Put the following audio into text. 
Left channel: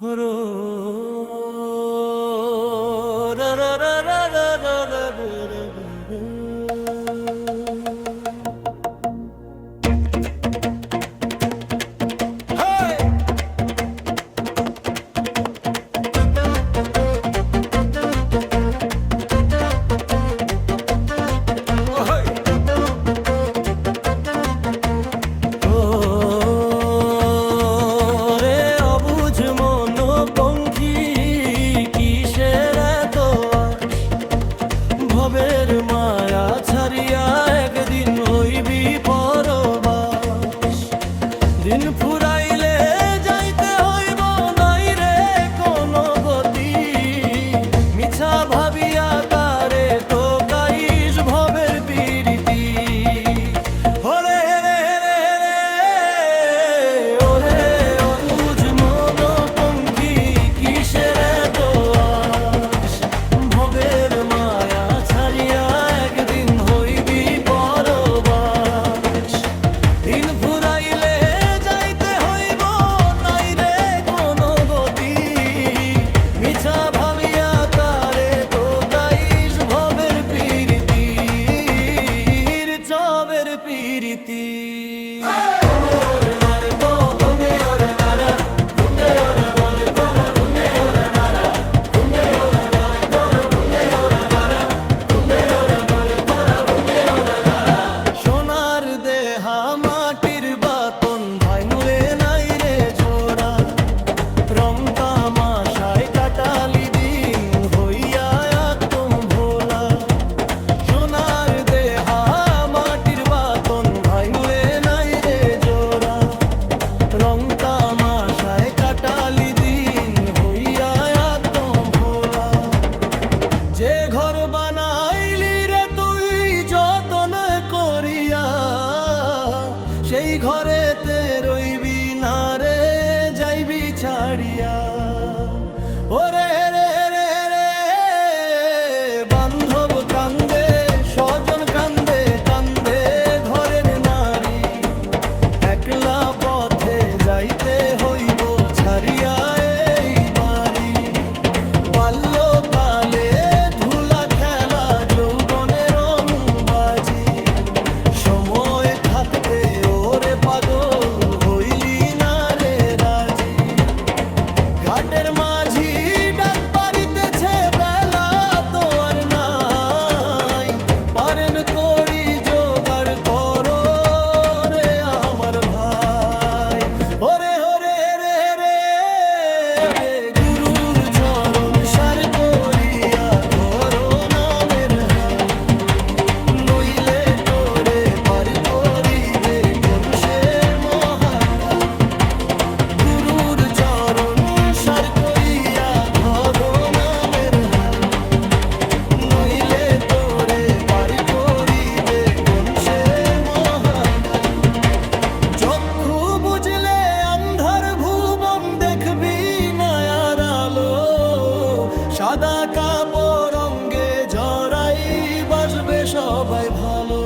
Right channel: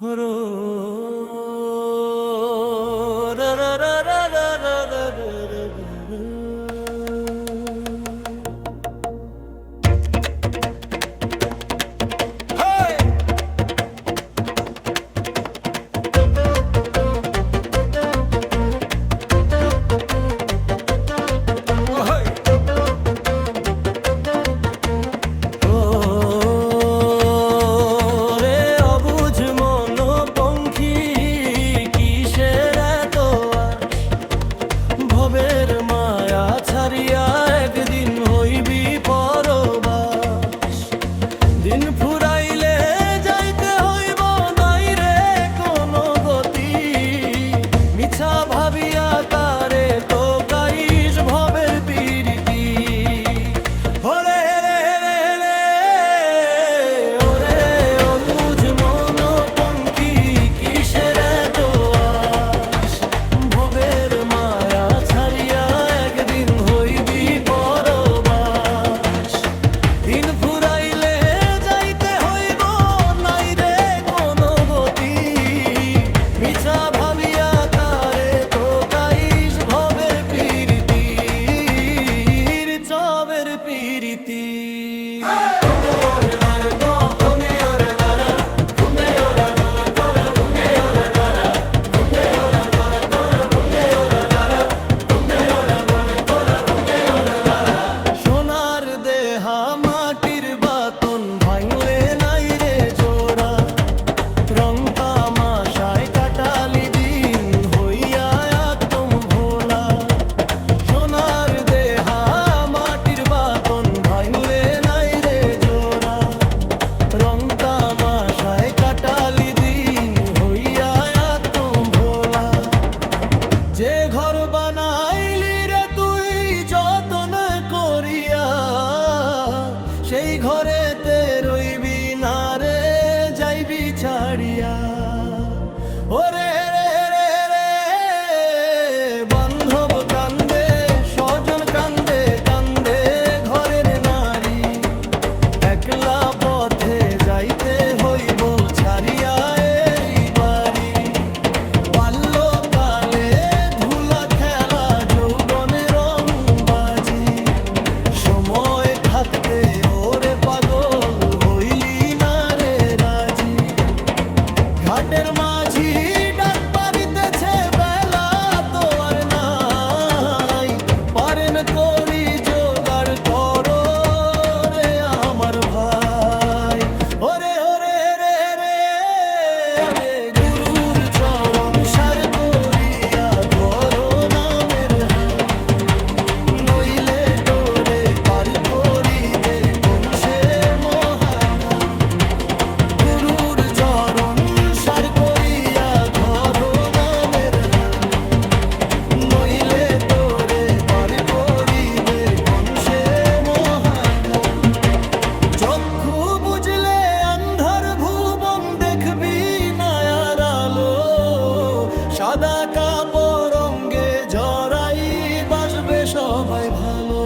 Rho রা রা রা রা রা রা রা রা রা। ভবের মায়া ছাড়িয়া একদিন হইবি পরবাস। দিন ফুরাইলে যাইতে হইব নাই রে কোনো গতি, মিছা ভাবিয়া কারে তো কাইস ভবের পীড়িতি। ওরে রে রে রে ওরে অবুঝ মনোপঙ্খী কিসের এত আশ, ভবের মায়া ছাড়িয়া একদিন হইবি পরবাস। দিন ফুরাইলে যাইতে হইব নাই রে কোনো গতি, মিছা ভাবিয়া কারে তো গাইস ভবের পীড়িতি, চবের পীড়িতি। সোনার দেহা মাটির বাতন ভাঙলে নাই রে জোড়া, রং তামাশায় কাটালি দিন হইয়া একদম ভোলা। সোনার দেহা মাটির বাতন ভাঙলে নাই রে জোড়া, রং তামাশায় কাটালি দিন হইয়া একদম ভোলা। যে ঘর বানাইলি রে তুই যতন করিয়া, সেই ঘরেতে রইবি না রে যাইবি ছাড়িয়া। ওরে রে রে রে বান্ধব কান্দে স্বজন কান্দে কান্দে ঘরের নারী, একলা পথে যাইতে হইব ছাড়িয়া এই বাড়ি। বাল্যকালে ধুলা খেলা যৌবনে রং বাজি, সময় থাকতে ওরে পাগল হইলি না রে রাজি। ঘাটের মাঝি ডাক পারিতেছে বেলা তো আর নাই, পারেন করি জোগাড় করো রে আমার ভাই। ওরে ওরে রে রে রে গুরুর চরণ সার করিয়া ধরো নামের হাল, নইলে তোরে পার করিবে কোন সে মহাকাল। গুরুর চরণ সার করিয়া ধরো নামের হাল, নইলে তোরে পার করিবে কোন সে মহাকাল। চক্ষু বুঝলে আন্ধার ভুবন দেখবি নায়ার আলো, সাদা কাপড় অঙ্গে জড়াই বাসবে সবাই ভালো।